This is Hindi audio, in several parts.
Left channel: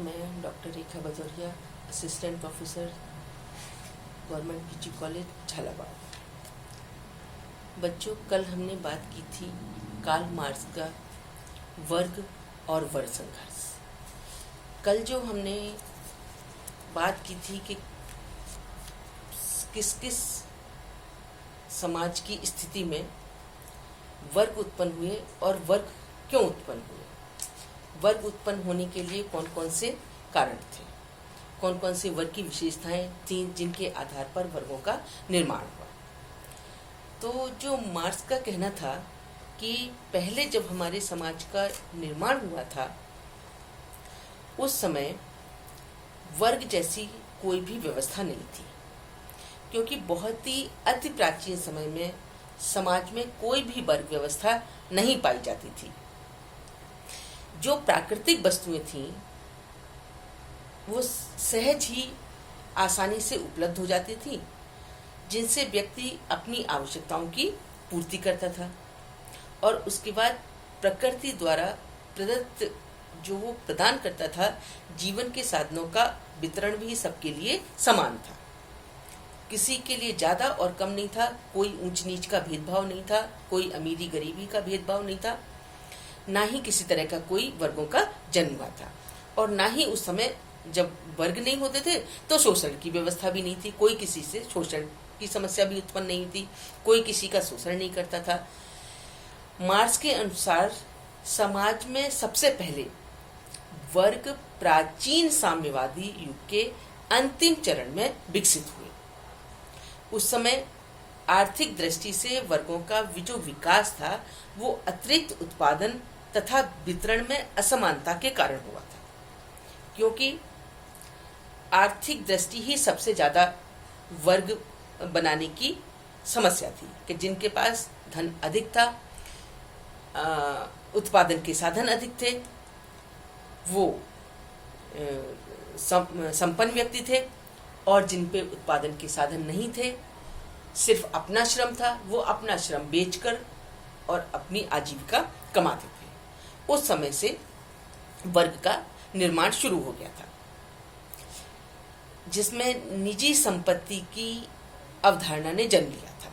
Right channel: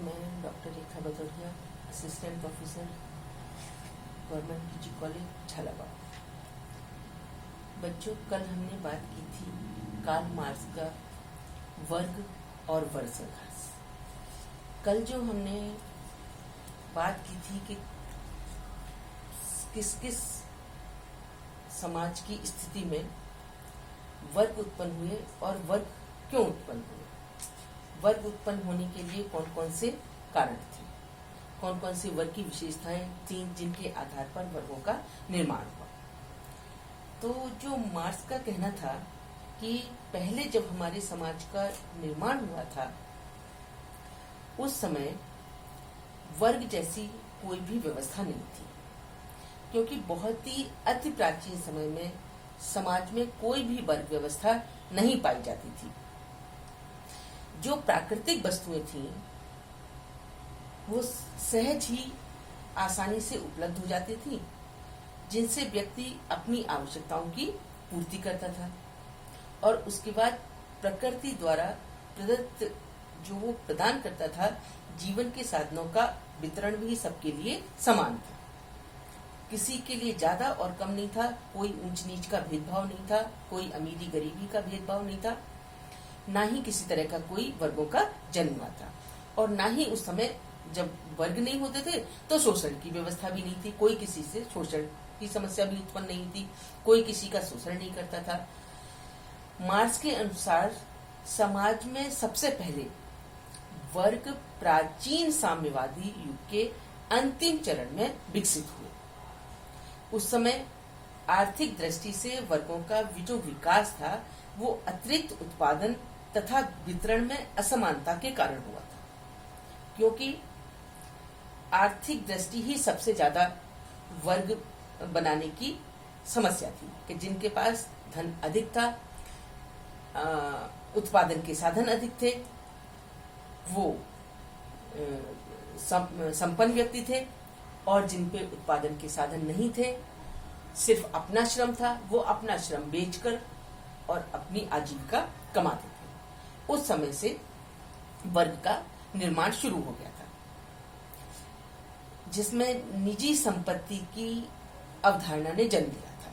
मैं doctor Rekha Bhadauria, assistant professor, government PG college Jhalawar. बच्चों, कल हमने बात की थी कार्ल मार्क्स का वर्ग और वर्ग संघर्ष। कल जो हमने बात की थी कि किस किस समाज की स्थिति में वर्ग उत्पन्न हुए और वर्ग क्यों उत्पन्न हुए, वर्ग उत्पन्न होने के लिए कौन कौन से कारण थे, कौन कौन से वर्ग की विशेषताएं थी जिनके आधार पर वर्गों का निर्माण हुआ। तो जो मार्क्स का कहना था कि पहले जब हमारे समाज का निर्माण हुआ था उस समय वर्ग जैसी कोई भी व्यवस्था नहीं थी, क्योंकि बहुत ही अति प्राचीन समय में समाज में कोई भी वर्ग व्यवस्था नहीं पाई जाती थी। जो प्राकृतिक वस्तुएं थीं वो सहज ही आसानी से उपलब्ध हो जाती थी, जिनसे व्यक्ति अपनी आवश्यकताओं की पूर्ति करता था और उसके बाद प्रकृति द्वारा प्रदत्त जो वो प्रदान करता था जीवन के साधनों का वितरण भी सबके लिए समान था। किसी के लिए ज्यादा और कम नहीं था, कोई ऊंच नीच का भेदभाव नहीं था, कोई अमीरी गरीबी का भेदभाव नहीं था, ना ही किसी तरह का कोई वर्गों का जन्म हुआ था। और ना ही उस समय जब वर्ग नहीं होते थे तो शोषण की व्यवस्था भी नहीं थी, कोई किसी से शोषण की समस्या भी उत्पन्न नहीं थी, कोई किसी का शोषण नहीं करता था। मार्क्स के अनुसार समाज में सबसे पहले वर्ग प्राचीन साम्यवादी युग के अंतिम चरण में विकसित हुए। उस समय आर्थिक दृष्टि से वर्गों का जो विकास था वो अतिरिक्त उत्पादन तथा वितरण में असमानता के कारण हुआ था, क्योंकि आर्थिक दृष्टि ही सबसे ज्यादा वर्ग बनाने की समस्या थी कि जिनके पास धन अधिक था, उत्पादन के साधन अधिक थे, वो संपन्न व्यक्ति थे, और जिन पे उत्पादन के साधन नहीं थे, सिर्फ अपना श्रम था, वो अपना श्रम बेचकर और अपनी आजीविका कमाते थे। उस समय से वर्ग का निर्माण शुरू हो गया था, जिसमें निजी संपत्ति की अवधारणा ने जन्म लिया था।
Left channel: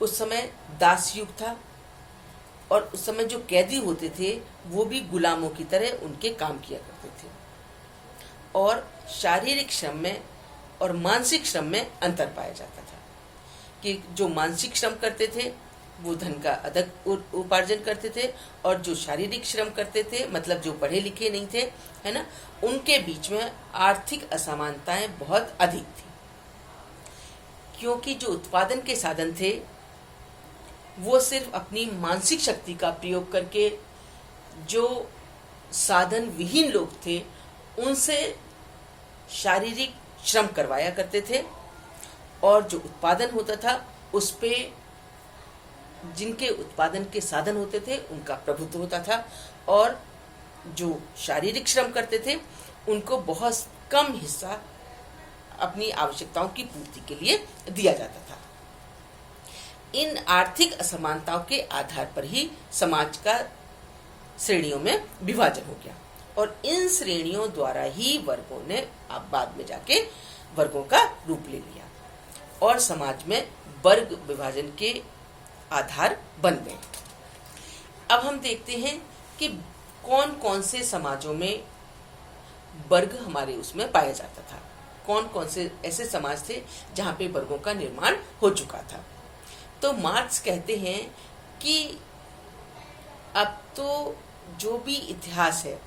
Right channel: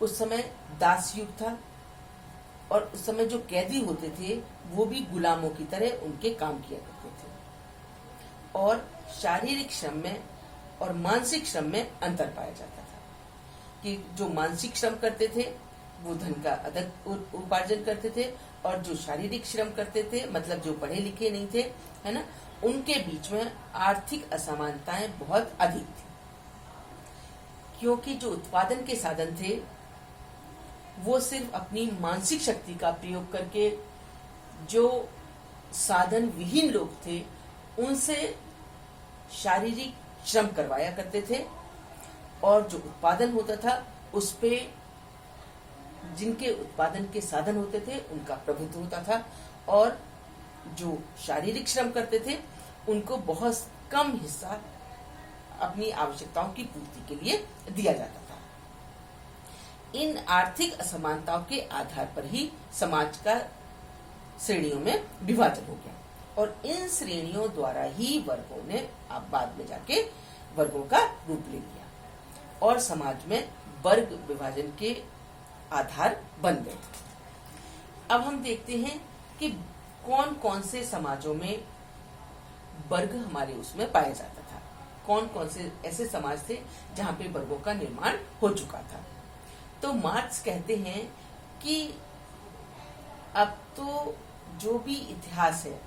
उस समय दास युग था और उस समय जो कैदी होते थे वो भी गुलामों की तरह उनके काम किया करते थे, और शारीरिक श्रम में और मानसिक श्रम में अंतर पाया जाता था कि जो मानसिक श्रम करते थे वो धन का अधिक उपार्जन करते थे, और जो शारीरिक श्रम करते थे मतलब जो पढ़े लिखे नहीं थे, है ना, उनके बीच में आर्थिक असमानताएं बहुत अधिक थी, क्योंकि जो उत्पादन के साधन थे वो सिर्फ अपनी मानसिक शक्ति का प्रयोग करके जो साधन विहीन लोग थे उनसे शारीरिक श्रम करवाया करते थे, और जो उत्पादन होता था उस पे जिनके उत्पादन के साधन होते थे उनका प्रभुत्व होता था, और जो शारीरिक श्रम करते थे उनको बहुत कम हिस्सा अपनी आवश्यकताओं की पूर्ति के लिए दिया जाता था। इन आर्थिक असमानताओं के आधार पर ही समाज का श्रेणियों में विभाजन हो गया, और इन श्रेणियों द्वारा ही वर्गों ने अब बाद में जाके वर्गों का रूप ले लिया और समाज में वर्ग विभाजन के आधार बन गए। अब हम देखते हैं कि कौन कौन से समाजों में वर्ग हमारे उसमें पाया जाता था, कौन कौन से ऐसे समाज थे जहां पे वर्गों का निर्माण हो चुका था। तो मार्क्स कहते हैं कि अब तो जो भी इतिहास है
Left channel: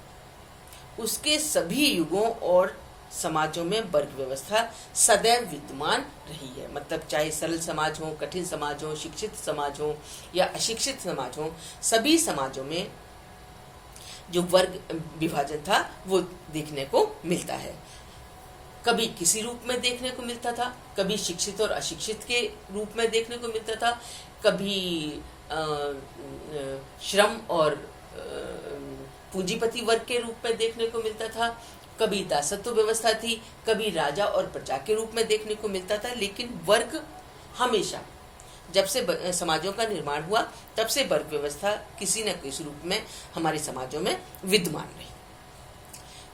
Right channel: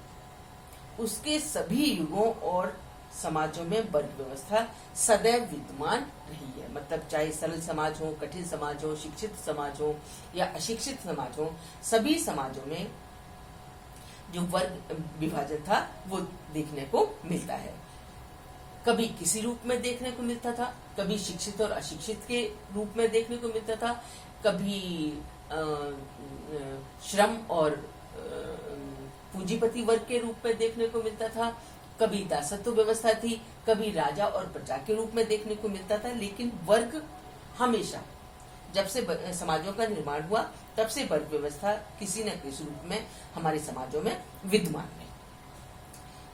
उसके सभी युगों और समाजों में वर्ग व्यवस्था सदैव विद्यमान रही है। मतलब चाहे सरल समाज हो, कठिन समाज हो, शिक्षित समाज हो या अशिक्षित समाज हो, सभी समाजों में जो वर्ग विभाजन था वो देखने को मिलता है। कभी किसी रूप में देखने को मिलता था, कभी शिक्षित और अशिक्षित के रूप में देखने को मिलता था, कभी श्रम और पूंजीपति वर्ग के रूप में देखने को मिलता था, कभी दासत्व व्यवस्था थी, कभी राजा और प्रजा के रूप में देखने को मिलता था। लेकिन वर्ग हमेशा जब से समाजों का निर्माण हुआ तब से वर्ग व्यवस्था किसी न किसी रूप में हमारे समाजों में विद्यमान रही।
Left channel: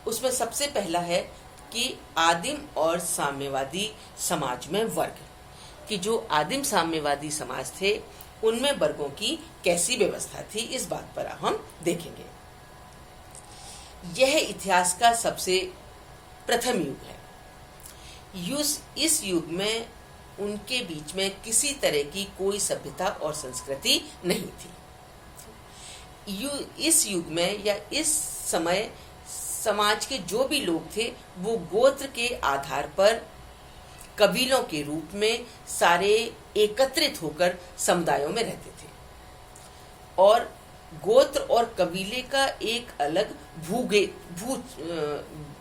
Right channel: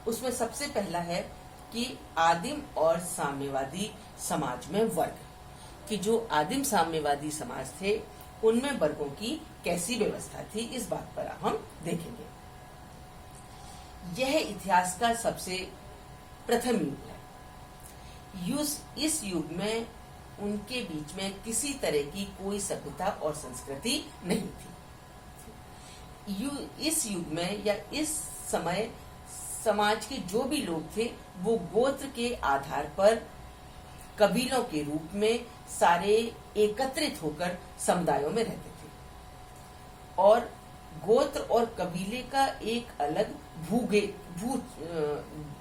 उसमें सबसे पहला है कि आदिम और साम्यवादी समाज में वर्ग, कि जो आदिम साम्यवादी समाज थे उनमें वर्गों की कैसी व्यवस्था थी, इस बात पर हम देखेंगे। यह इतिहास का सबसे प्रथम युग है। इस युग में उनके बीच में किसी तरह की कोई सभ्यता और संस्कृति नहीं थी। इस युग में या इस समय समाज के जो भी लोग थे वो गोत्र के आधार पर कबीलों के रूप में सारे एकत्रित होकर समुदायों में रहते थे, और गोत्र और कबीले का एक अलग भू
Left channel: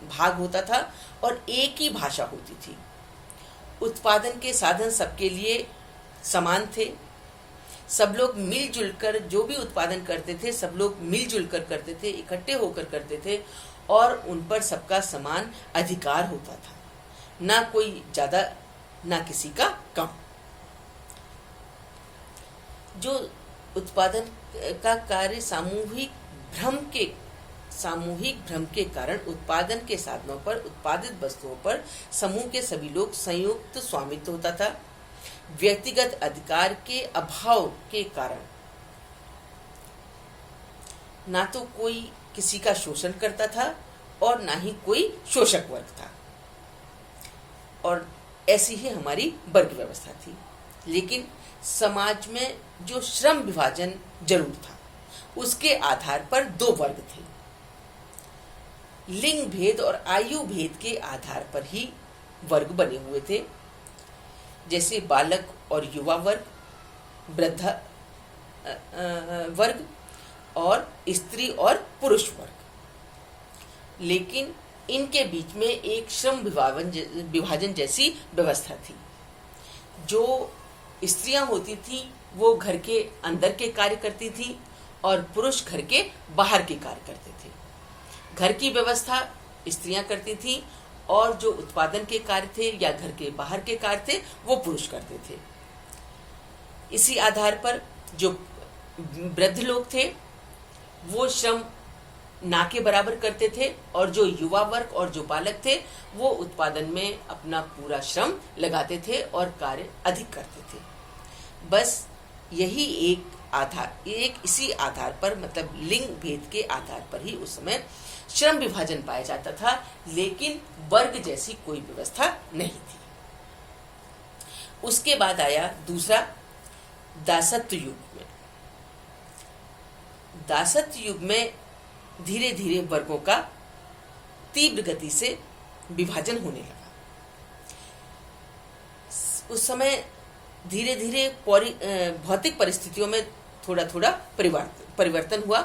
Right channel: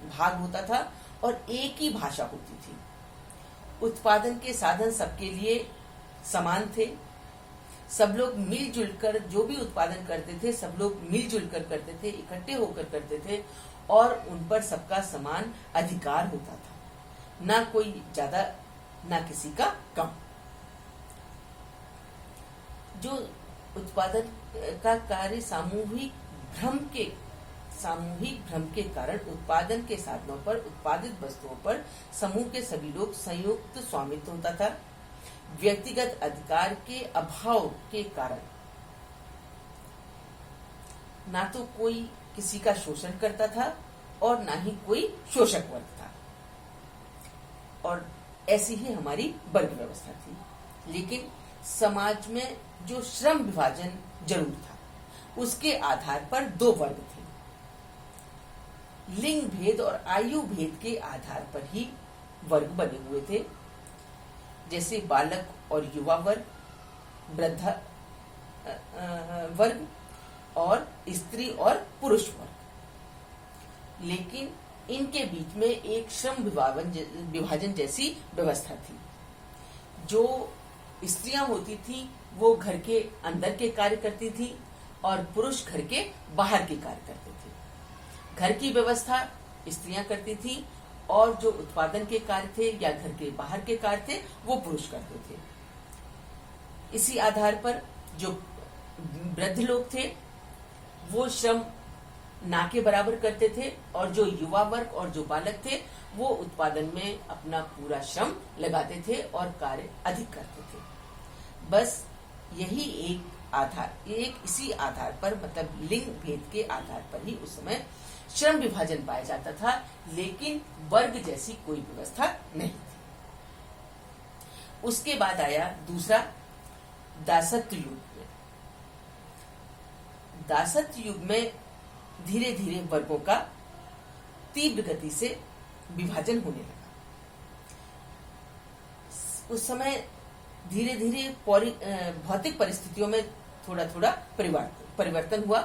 भाग होता था और एक ही भाषा होती थी। उत्पादन के साधन सबके लिए समान थे। सब लोग मिलजुल कर जो भी उत्पादन करते थे, सब लोग मिलजुल कर करते थे, इकट्ठे होकर करते थे, और उन पर सबका समान अधिकार होता था, ना कोई ज्यादा ना किसी का कम। जो उत्पादन का कार्य सामूहिक भ्रम के कारण उत्पादन के साधनों पर, उत्पादित वस्तुओं पर समूह के सभी लोग संयुक्त स्वामित्व होता था। व्यक्तिगत अधिकार के अभाव के कारण ना तो कोई किसी का शोषण करता था और ना ही कोई शोषक वर्ग था, और ऐसी ही हमारी वर्ग व्यवस्था थी। लेकिन समाज में जो श्रम विभाजन जरूर था, उसके आधार पर दो वर्ग थे। लिंग भेद और आयु भेद के आधार पर ही वर्ग बने हुए थे, जैसे बालक और युवा वर्ग, वृद्ध वर्ग और स्त्री और पुरुष वर्ग। लेकिन इनके बीच में एक श्रम विभाजन जैसी व्यवस्था थी। जो स्त्रियां होती थी वो घर के अंदर के कार्य करती थी और पुरुष घर के बाहर के कार्य करते थे। घर की व्यवस्था स्त्रियां करती थी और जो उत्पादन के कार्य थे या घर के बाहर के कार्य थे वो पुरुष करते थे। इसी आधार पर जो वृद्ध लोग थे वो श्रम ना के बराबर करते थे, और जो युवा वर्ग और जो बालक थे वो उत्पादन में अपना पूरा श्रम लगाते थे और कार्य अधिक करते थे। बस यही इसी आधार पर, मतलब लिंग भेद के आधार पर ही उस समय श्रम विभाजन पाया जाता था, लेकिन वर्ग जैसी कोई व्यवस्था नहीं थी। उसके बाद आया दूसरा दासत्व युग में। दासत्व युग में धीरे धीरे वर्गों का तीव्र गति से विभाजन होने लगा। उस समय धीरे धीरे भौतिक परिस्थितियों में थोड़ा थोड़ा परिवर्तन हुआ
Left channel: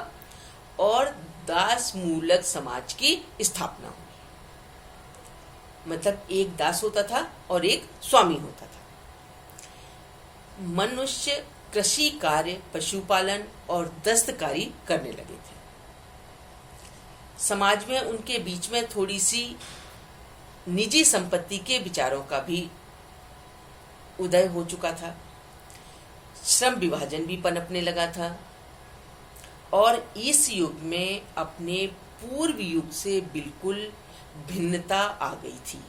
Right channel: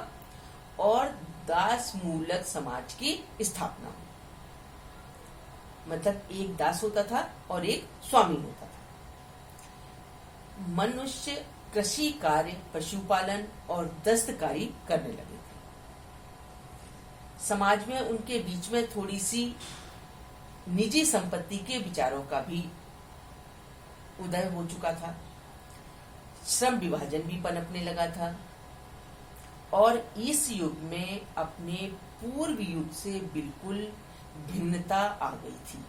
और दास मूलक समाज की स्थापना हुई। मतलब एक दास होता था और एक स्वामी होता था। मनुष्य कृषि कार्य, पशुपालन और दस्तकारी करने लगे थे। समाज में उनके बीच में थोड़ी सी निजी संपत्ति के विचारों का भी उदय हो चुका था। श्रम विभाजन भी पनपने लगा था, और इस युग में अपने पूर्व युग से बिल्कुल भिन्नता आ गई थी,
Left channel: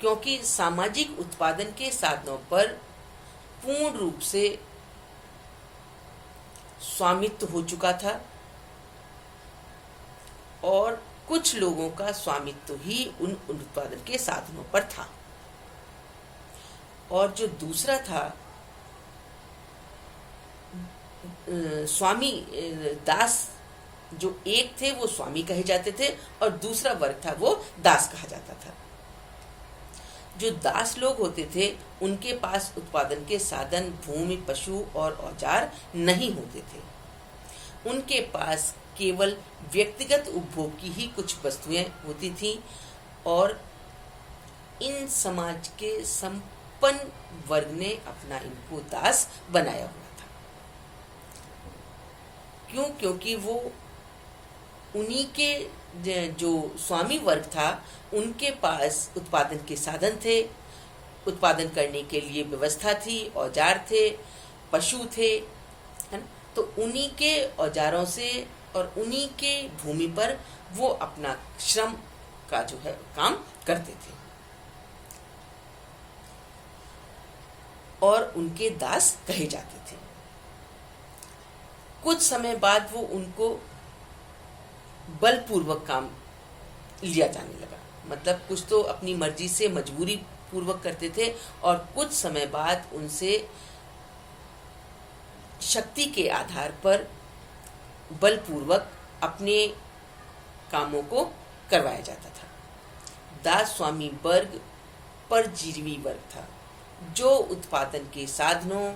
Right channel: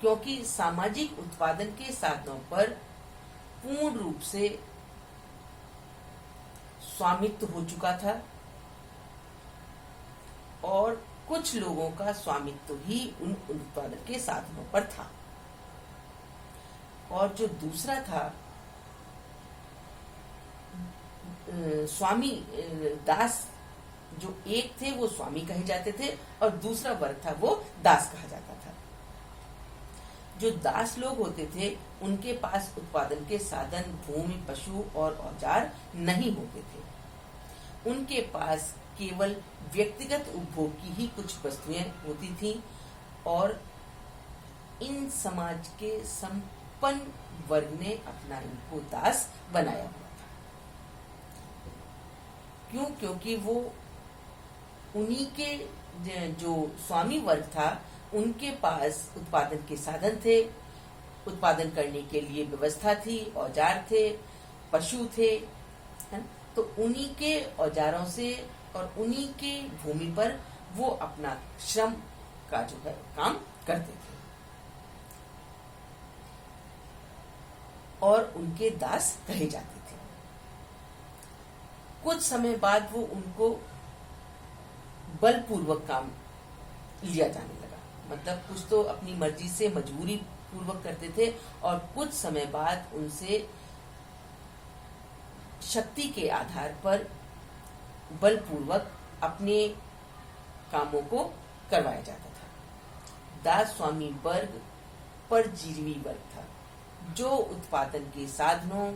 क्योंकि सामाजिक उत्पादन के साधनों पर पूर्ण रूप से स्वामित्व हो चुका था, और कुछ लोगों का स्वामित्व ही उन उत्पादन के साधनों पर था। और जो दूसरा था स्वामी दास, जो एक थे वो स्वामी कहे जाते थे और दूसरा वर्ग था वो दास कहा जाता था। जो दास लोग होते थे उनके पास उत्पादन के साधन, भूमि, पशु और औजार नहीं होते थे। उनके पास केवल व्यक्तिगत उपभोग की ही कुछ वस्तुएं होती थीं, और इन समाज के संपन्न वर्ग ने अपना इनको दास बनाया हुआ था। क्यों? क्योंकि वो उन्हीं के जो स्वामी वर्ग था उनके पास उत्पादन के साधन थे, उत्पादन करने के लिए व्यवस्था थी, औजार थे, पशु थे, है ना? तो उन्हीं के औजारों से और उन्हीं के भूमि पर वो अपना श्रम का जो है काम करते थे और उनके दास कहे जाते थे। कुछ समय बाद वो उनको बलपूर्वक काम लिया जाने लगा, मतलब कुछ तो अपनी मर्जी से मजबूरी पूर्वक करते थे और कुछ समय बाद उनसे शक्ति के आधार पर बलपूर्वक अपने कामों को करवाया जाता था। दास स्वामी वर्ग परजीवी वर्ग था जो उत्पादन के साधनों,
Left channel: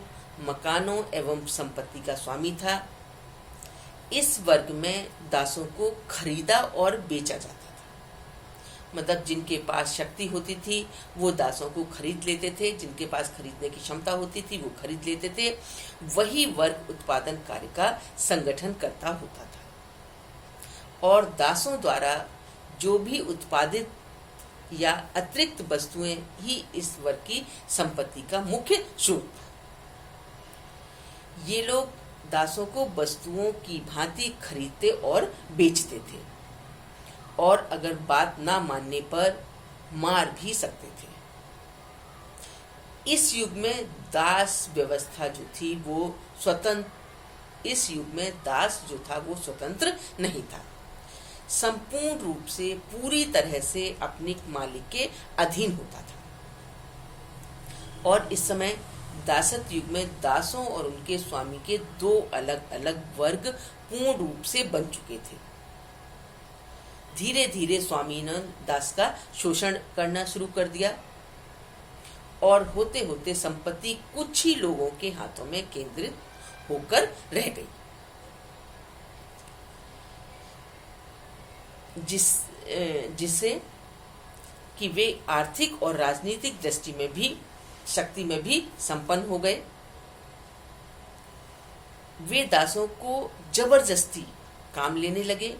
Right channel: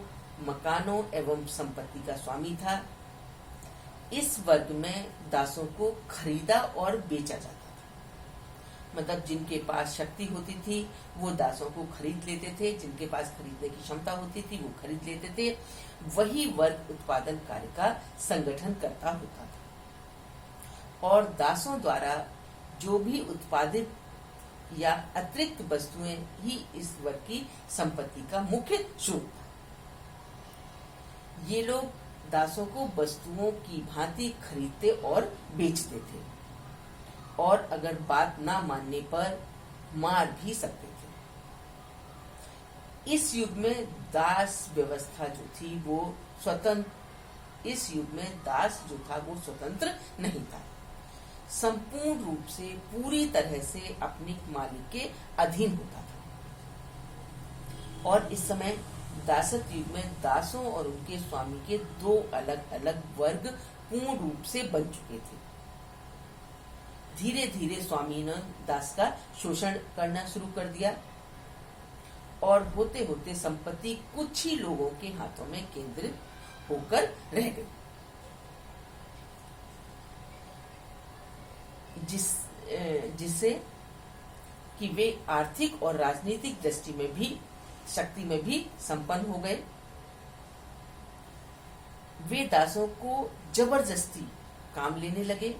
मकानों एवं संपत्ति का स्वामी था। इस वर्ग में दासों को खरीदा और बेचा जाता था, मतलब जिनके पास शक्ति होती थी वो दासों को खरीद लेते थे, जिनके पास खरीदने की क्षमता होती थी वो खरीद लेते थे। वही वर्ग उत्पादन कार्य का संगठन करता होता था और दासों द्वारा जो भी उत्पादित या अतिरिक्त वस्तुएं ही इस वर्ग की संपत्ति का मुख्य स्रोत था। ये लोग दासों को वस्तुओं की भांति खरीदते और बेचते थे और अगर बात ना मानने पर मार भी सकते थे। इस युग में दास व्यवस्था जो थी वो स्वतंत्र नहीं था, संपूर्ण रूप से पूरी तरह से अपने मालिक के अधीन होता था। और इस समय दासत्व युग में दासों और उनके स्वामी के दो अलग अलग वर्ग पूर्ण रूप से बन चुके थे। धीरे धीरे स्वामी ने दास का शोषण करना शुरू कर दिया और होते होते संपत्ति कुछ ही लोगों के हाथों में केंद्रित होकर रह गई, जिससे कि वे आर्थिक और राजनीतिक दृष्टि में भी शक्ति में भी संपन्न हो गए। वे दासों को जबरदस्ती काम लेने लगे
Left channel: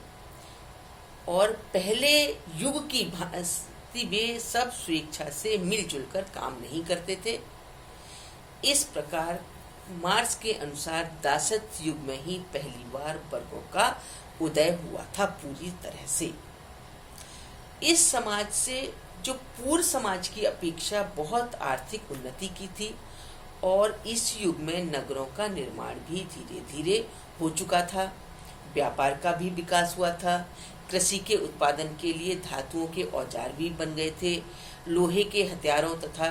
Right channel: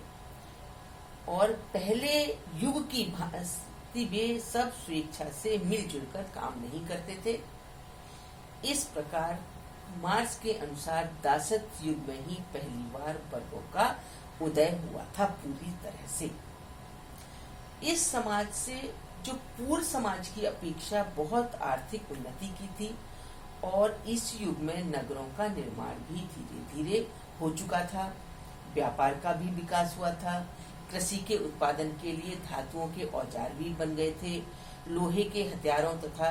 और पहले युग की भांति वे सब स्वेच्छा से मिलजुल कर काम नहीं करते थे। इस प्रकार मार्क्स के अनुसार दासत्व युग में ही पहली बार वर्गों का उदय हुआ था पूरी तरह से। इस समाज से जो पूर्व समाज की अपेक्षा बहुत आर्थिक उन्नति की थी और इस युग में नगरों का निर्माण भी धीरे धीरे हो चुका था, व्यापार का भी विकास हुआ था, कृषि के उत्पादन के लिए धातुओं के औजार भी बन गए थे, लोहे के हथियारों तथा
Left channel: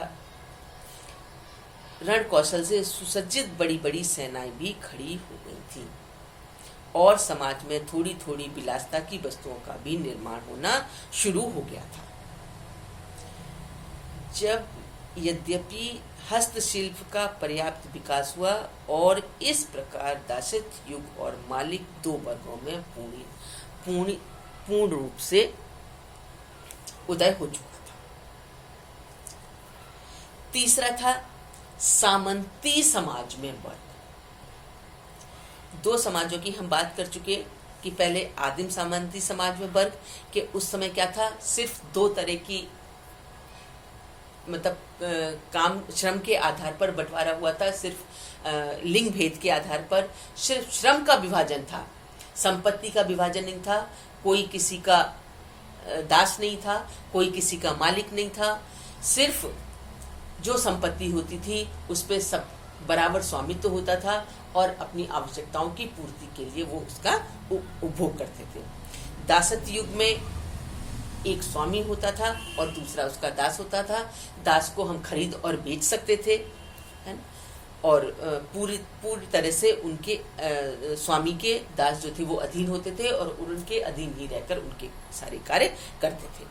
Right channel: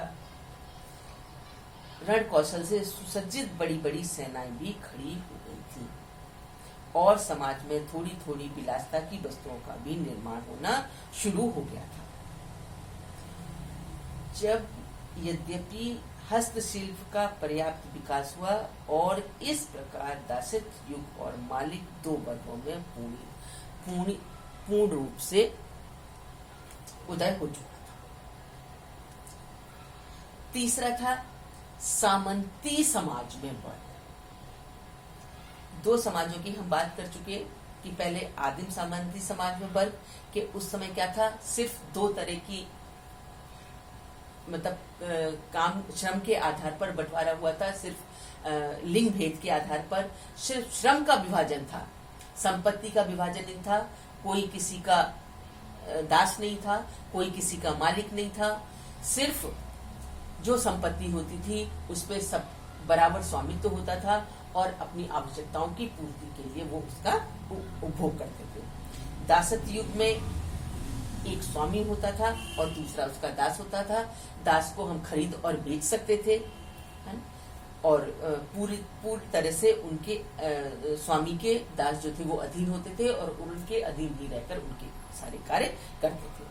रण कौशल से सुसज्जित बड़ी बड़ी सेनाएं भी खड़ी हो गई थी और समाज में थोड़ी थोड़ी विलासता की वस्तुओं का भी निर्माण होना शुरू हो गया था। जब यद्यपि हस्तशिल्प का पर्याप्त विकास हुआ और इस प्रकार दासत्व युग और मालिक दो वर्गों में पूर्ण रूप से उदय हो चुका था। तीसरा था सामंती समाज में वर्ग। दो समाजों की हम बात कर चुके कि पहले आदिम सामंती समाज में वर्ग के उस समय क्या था, सिर्फ दो तरह की मतलब काम श्रम के आधार पर बंटवारा हुआ था, सिर्फ लिंग भेद के आधार पर सिर्फ श्रम का विभाजन था, संपत्ति का विभाजन नहीं था, कोई किसी का दास नहीं था, कोई किसी का मालिक नहीं था, सिर्फ जो संपत्ति होती थी उस पे सब बराबर स्वामित्व होता था और अपनी आवश्यकताओं की पूर्ति के लिए वो उसका उपभोग करते थे। दासत्व युग में एक स्वामी होता था और दूसरा उसका दास होता था। दास को हम खरीद और बेच सकते थे, है ना? और पूरी तरह से उनके स्वामी के दास जो थे वो अधीन होते थे और उनके अधीन ही रहकर उनके सारे कार्य करते थे।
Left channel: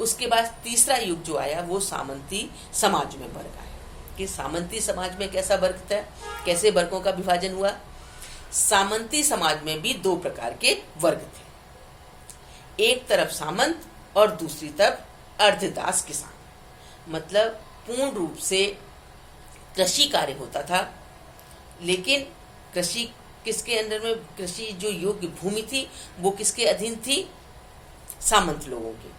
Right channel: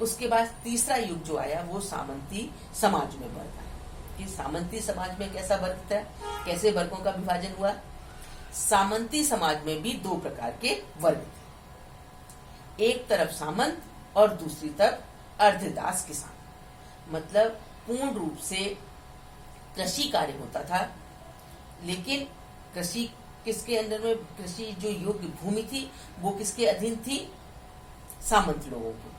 उसके बाद तीसरा युग जो आया वो सामंती समाज में वर्ग आया। कि सामंती समाज में कैसा वर्ग था, कैसे वर्गों का विभाजन हुआ। सामंती समाज में भी दो प्रकार के वर्ग थे, एक तरफ सामंत और दूसरी तरफ अर्धदास किसान। मतलब पूर्ण रूप से कृषि कार्य होता था, लेकिन कृषि किसके अंदर में, कृषि जो योग्य भूमि थी वो किसके अधीन थी, सामंत लोगों के।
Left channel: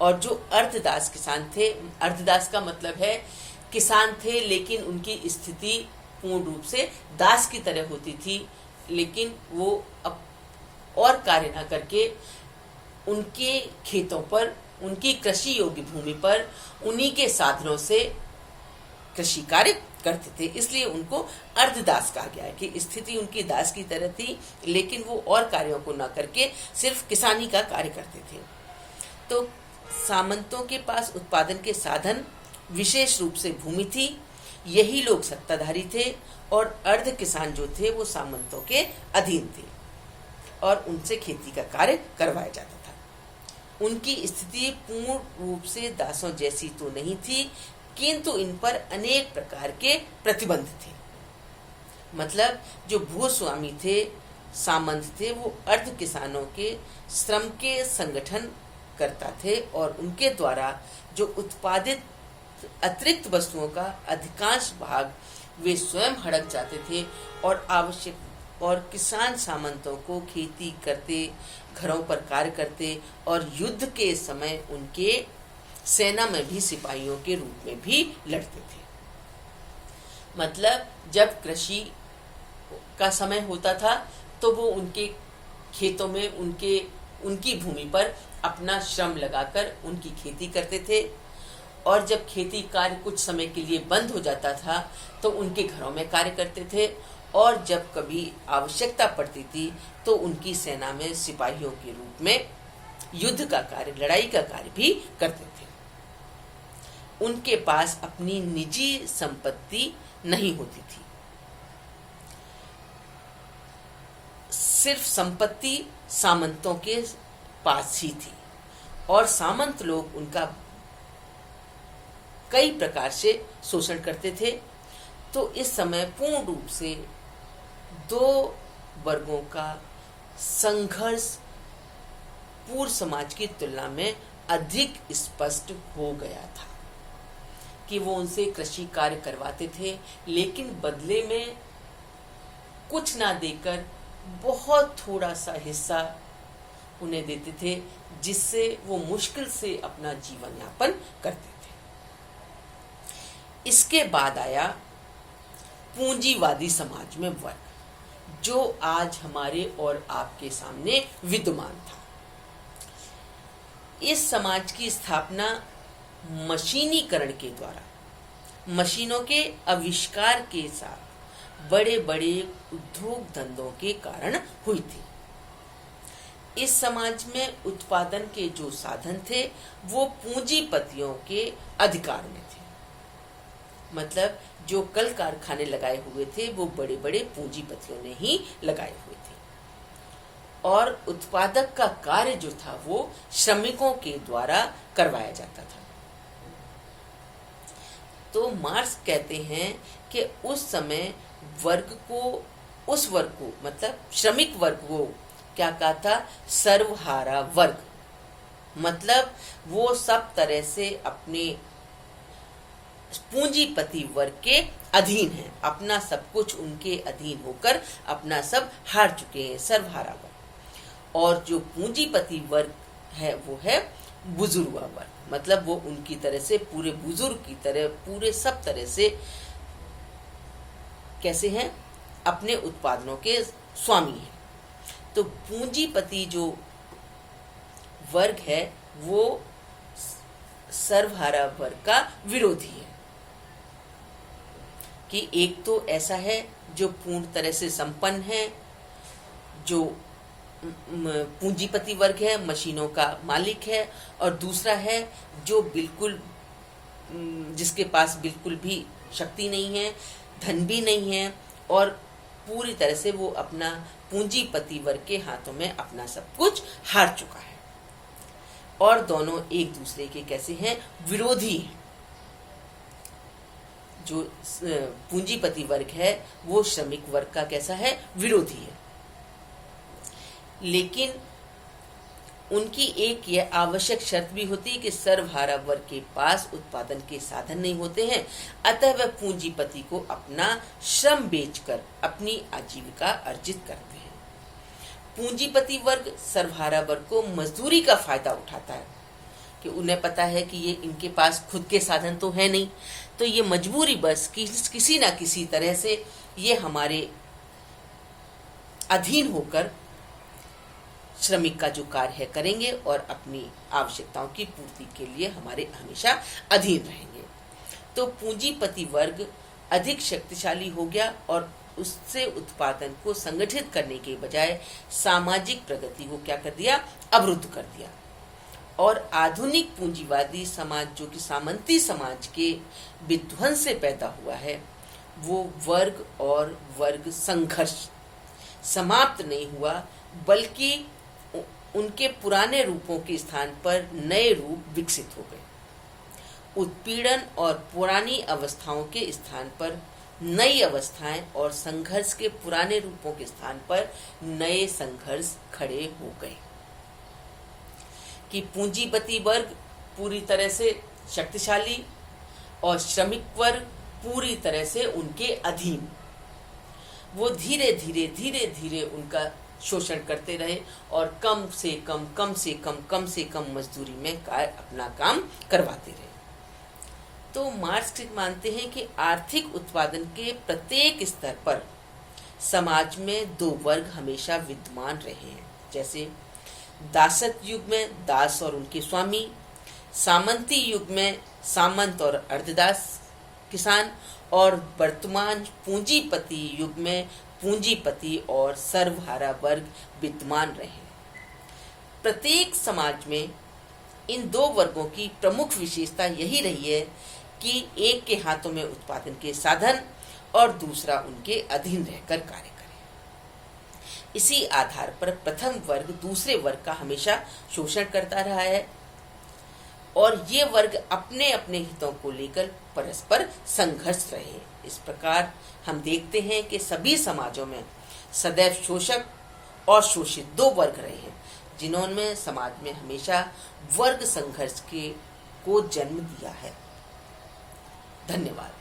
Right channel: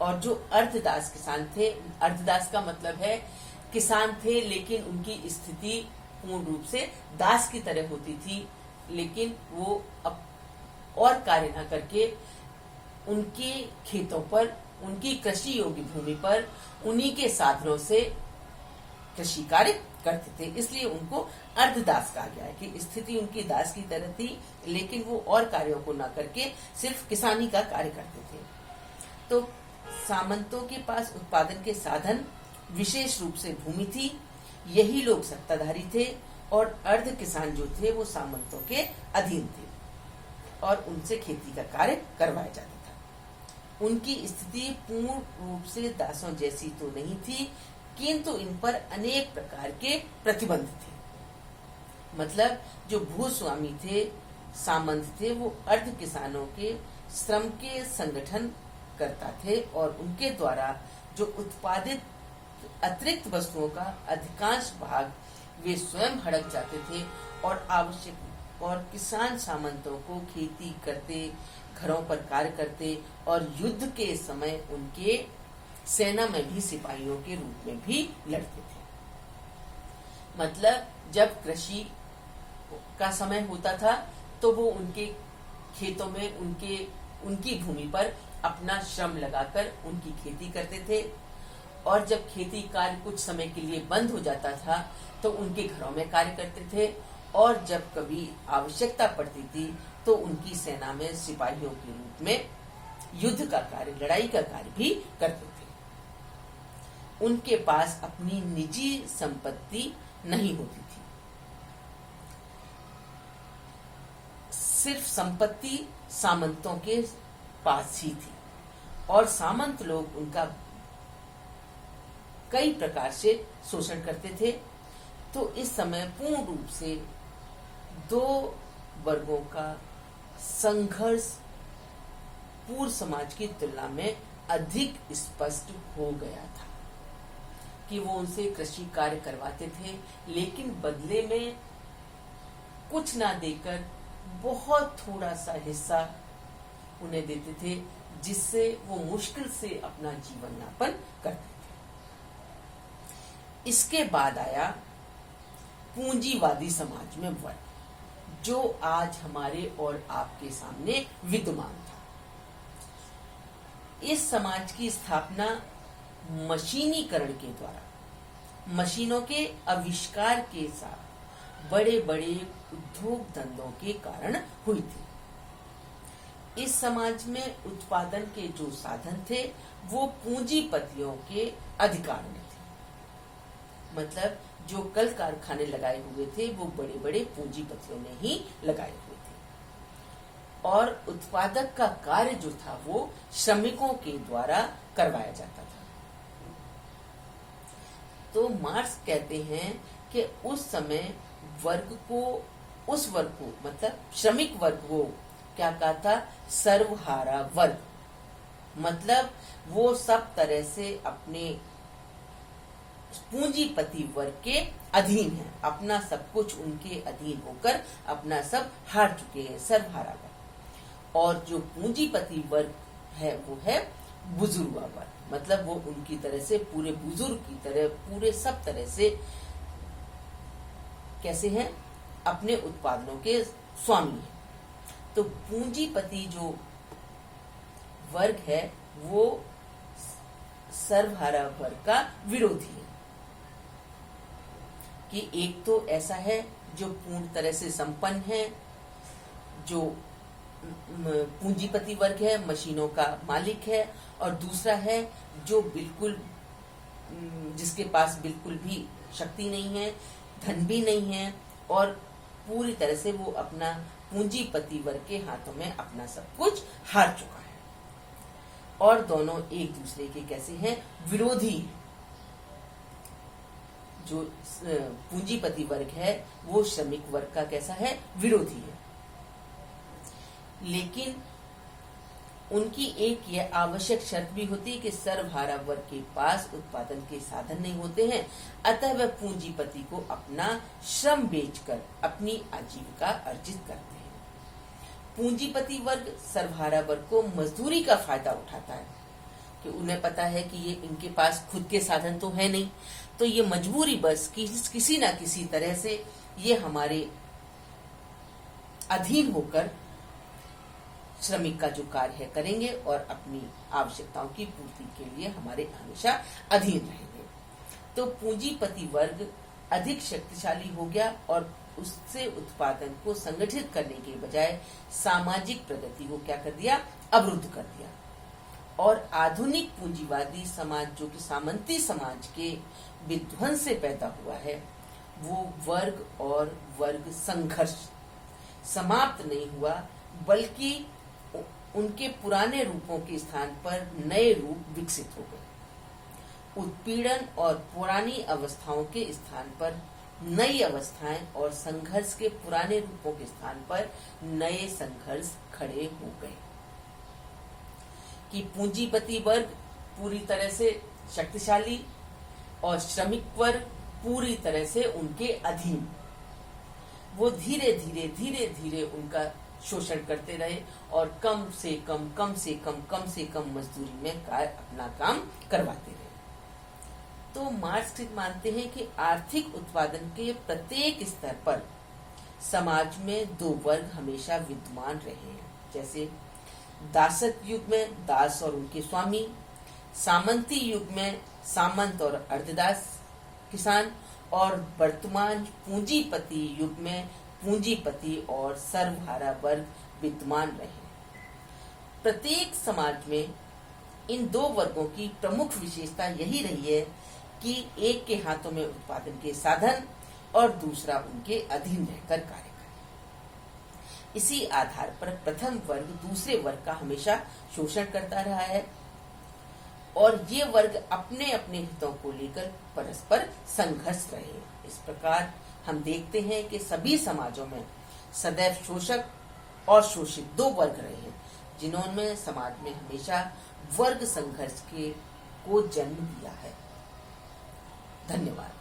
और जो अर्धदास किसान थे, अर्धदास का मतलब है किसान थे लेकिन उनकी स्थिति पूर्ण रूप से दास की तरह होती थी, लेकिन वो अब और कार्य न करके उनके खेतों पर, उनकी कृषि योग्य भूमि पर उन्हीं के साधनों से कृषि कार्य करते थे। इसलिए उनको अर्धदास कहा गया है कि स्थिति उनकी दास की तरह थी, लेकिन वो और कार्यों को न करके सिर्फ किसानी का कार्य करते थे। तो सामंतों के पास उत्पादन के साधन, विशेष रूप से भूमि थी, यही लोग सत्ताधारी थे, और अर्ध किसान जो थे वो सामंतों के अधीन थे और उनसे खेती का कार्य करवाया जाता था। उनकी स्थिति पूर्ण रूप से दासों जैसी तो नहीं थी, किंतु इन पर अनेक प्रकार के प्रतिबंध थे। मतलब जो भूस्वामी थे, सामंत थे, वो अर्ध किसानों के श्रम के संगठन करता थे और उनके द्वारा जो उत्पादित अतिरिक्त वस्तुओं का अधिकांश भाग वे स्वयं हड़प जाते थे और किसान सामंतों को खेती करते, घरों पर कार्य करते और युद्ध के समय उनके सेना में भी सिपाहियों के रूप में भी लड़ते थे। मतलब जब कृषि का समय होता था तो वो उनके खेतों में उनकी भूमि पर अपना श्रम लगाकर उनकी खेती करते थे, और जब खेती कार्य कुछ समय के लिए बंद हो जाता था तो उनके घरों में कार्य करते थे, और जब कभी आवश्यकता पड़ती थी तो उनकी सेना में सिपाहियों के रूप में युद्ध का कार्य, लड़ाई का कार्य भी करते थे। उनके पास अपनी निजी संपत्ति नहीं होती थी, सिर्फ संपत्ति सामंतों के पास ही थी, और सामंत लोग उनका कई प्रकार से शोषण करते थे। तो इस समय पूर्ण रूप से दो वर्गों का संघर्ष पूर्व समाज की तुलना में अधिक स्पष्ट हो गया था कि वो उनसे कृषि कार्य करवाते थे, लेकिन बदले में कुछ ना देकर बहुत थोड़ा सा हिस्सा उन्हें देते थे, जिससे वो मुश्किल से अपना जीवन यापन करते थे। इसके बाद आया पूंजीवादी समाज में वर्ग, जो आज हमारे और आपके सामने विद्यमान था। इस समाज की स्थापना मशीनीकरण के द्वारा, मशीनों के आविष्कार के साथ बड़े बड़े उद्योग धंधों के कारण हुई थी। इस समाज में उत्पादन के जो साधन थे वो पूंजीपतियों के अधिकार में थे। मतलब जो कल कारखाने लगाए हुए थे वो बड़े बड़े पूंजीपतियों ने ही लगाए हुए थे, और उत्पादक का कार्य जो था वो श्रमिकों के द्वारा करवाया जाता था। तो मार्क्स कहते हैं कि उस समय उस वर्ग को मतलब श्रमिक वर्ग को क्या कहा था? सर्वहारा वर्ग। मतलब वो सब तरह से अपने पूंजीपति वर्ग के अधीन है, अपना सब कुछ उनके अधीन होकर अपना सब हार चुके हैं, सर्वहारा वर्ग। और जो पूंजीपति वर्ग है वो है बुजुर्गा वर्ग, मतलब वो उनकी तरह से पूरे बुजुर्ग की तरह पूरे सब तरह से कैसे हैं? अपने उत्पादनों के स्वामी हैं। तो पूंजीपति जो वर्ग है वो सर्वहारा वर्ग का विरोधी है कि एक तो ऐसा है जो पूर्ण तरह से संपन्न है, जो पूंजीपति वर्ग है, मशीनों का मालिक है, और दूसरा है जो बिल्कुल जिसके पास बिल्कुल भी शक्ति नहीं है, धन भी नहीं है, और पूरी तरह से वो अपना पूंजीपति वर्ग के हाथों में अपना सब कुछ हार चुका है। और दोनों एक दूसरे के कैसे हैं? विरोधी हैं। जो पूंजीपति वर्ग है वो श्रमिक वर्ग का कैसा है? विरोधी है। लेकिन उनकी एक यह आवश्यक शर्त भी होती है कि सर्वहारा वर्ग के पास उत्पादन के साधन नहीं होते हैं, अतः वह पूंजीपति को अपना श्रम बेचकर अपनी आजीविका अर्जित करते हैं। पूंजीपति वर्ग सर्वहारा वर्ग को मजदूरी का फायदा उठाता है कि उन्हें पता है कि ये इनके पास खुद के साधन तो है नहीं, तो ये मजबूरी बस किसी ना किसी तरह से ये हमारे अधीन होकर श्रमिक का जो कार्य है करेंगे और अपनी आवश्यकताओं की पूर्ति के लिए हमारे हमेशा अधीन रहेंगे। तो पूंजीपति वर्ग अधिक शक्तिशाली हो गया और उससे उत्पादन को संगठित करने के बजाय सामाजिक प्रगति को क्या कर दिया, अवरुद्ध कर दिया। और आधुनिक पूंजीवादी समाज जो कि सामंती समाज के विध्वंस से पैदा हुआ है, वो वर्ग और वर्ग संघर्ष समाप्त नहीं हुआ, बल्कि उनके पुराने रूपों के स्थान पर नए रूप विकसित हो गए। उत्पीड़न और पुरानी अवस्थाओं के स्थान पर नई अवस्थाएं और संघर्ष के पुराने रूपों के स्थान पर नए संघर्ष खड़े हो गए कि पूंजीपति वर्ग पूरी तरह से शक्तिशाली और श्रमिक वर्ग पूरी तरह से उनके अधीन। वो धीरे धीरे उनका शोषण करते रहे और कम से कम मजदूरी में अपना काम करवाते रहे। तो मार्क्स मानते हैं कि आर्थिक उत्पादन के प्रत्येक स्तर पर समाज में दो वर्ग हमेशा विद्यमान रहे हैं, जैसे दासत्व युग में दास और उनके स्वामी, सामंती युग में सामंत और अर्धदास किसान, और वर्तमान पूंजीपति युग में पूंजीपति और सर्वहारा वर्ग विद्यमान रहे। प्रत्येक समाज में इन दो वर्गों की प्रमुख विशेषता यही रही है कि एक के हाथों में उत्पादन के साधन और दूसरा उनके अधीन रहकर कार्य करे। इसी आधार पर प्रथम वर्ग दूसरे वर्ग का हमेशा शोषण करता रहा है और ये वर्ग अपने अपने हितों को लेकर परस्पर संघर्ष रहे। इस प्रकार हम देखते हैं कि सभी समाजों में सदैव शोषक और शोषित दो वर्ग रहे हैं, जिन्होंने समाज में हमेशा वर्ग संघर्ष को जन्म दिया है। धन्यवाद।